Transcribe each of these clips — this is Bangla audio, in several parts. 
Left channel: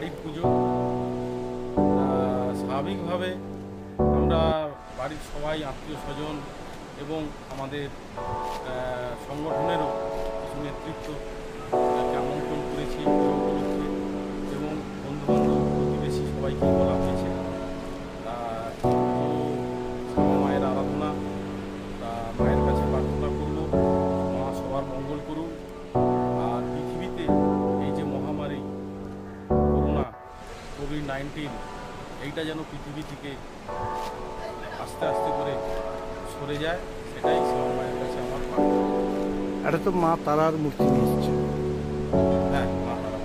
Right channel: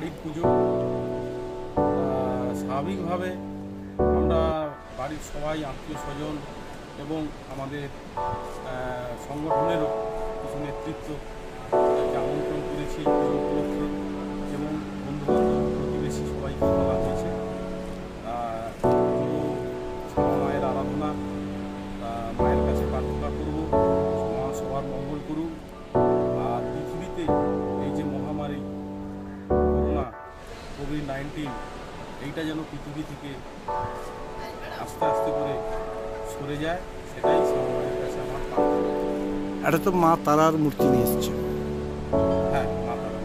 বাড়ির পুজো। স্বাভাবিকভাবে আমরা বাড়ির সবাই আত্মীয় স্বজন এবং আমাদের সংগঠনেরও কিছু নেতৃত্বকে আমন্ত্রণ করেছি পুজো উপলক্ষে এবং বন্ধুবান্ধব প্রতিবেশী সবাইকে বলা হয়েছে। পুজো শ্যামা মায়ের আরাধনা, মায়ের কাছে প্রার্থনা করব মা সবার মঙ্গল করুক। আর পৃথিবীতে এই যে মহামারী করোনা কোভিড-19 এইটা যেন পৃথিবী থেকে আস্তে আস্তে করে সরে যায়, সেটাই শ্যামা মায়ের কাছে আমার প্রার্থনা। এটা তো মা তারার মূর্তি নিয়ে এসছে। হ্যাঁ, মা তারা।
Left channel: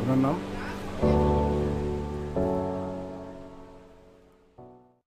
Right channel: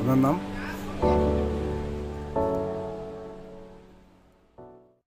আপনার নাম?